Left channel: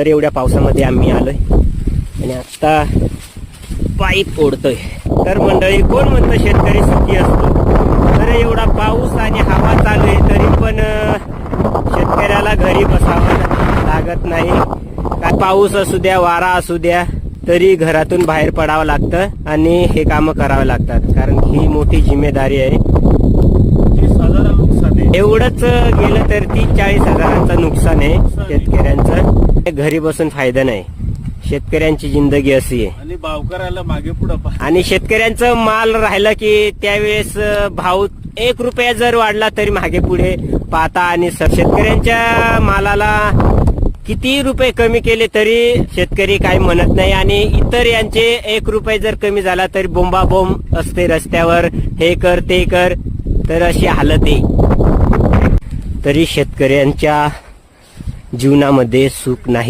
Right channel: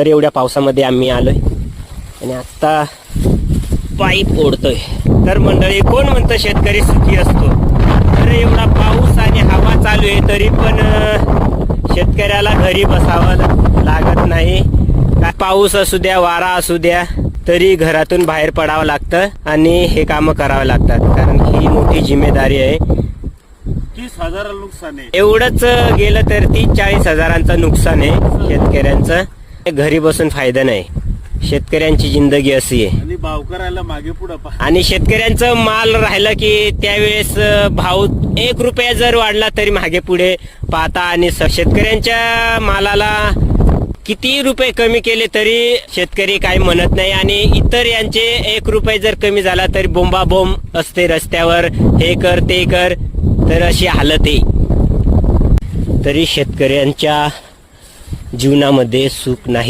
तर एवढ्या पावसामध्ये आम्ही आलोय आणि आता पाईप ओढतोय. तर मंडळी, कोण म्हणतं शेतकरी सुखी असतो? तर एवढा पाऊस आणि हवा चालू आहे तरी पण शेतकऱ्याला घरी बसावं लागत नाही. काय पाऊस असू द्या, वारा असू द्या, तरी घरातून बाहेर पडावं लागतं आणि हे कामं करावं लागतात, कारण ही मोठी जिम्मेदारी आहे. 30,000 नुकसान आहे. एवढंच गेलं तर 30-40 हजारांचं नुकसान आहे शेतकऱ्यांचं. घरी बसून फायदा नाही. शेतकऱ्यांची जिंदगी अशी आहे. आणि भावकराला मागे पुढे आणि शेतकऱ्यांचं माल राहिलं की त्यावेळेस भाव 1 रुपया जर वाढला तरी मागे पुढे पाहता. आणि शेतकऱ्यांच्या मालाला किती रुपये कमी केले तरी शेतकरी काही म्हणत नाही. आणि इतर यांचे 1 रुपये जर कमी झाला तरी बोंबाबोंब असते रस्त्यावर, हे कर ते कर. तर अशी हालत आहे. तरी शेतकऱ्यांच्या जीवनामध्ये सुख नाही.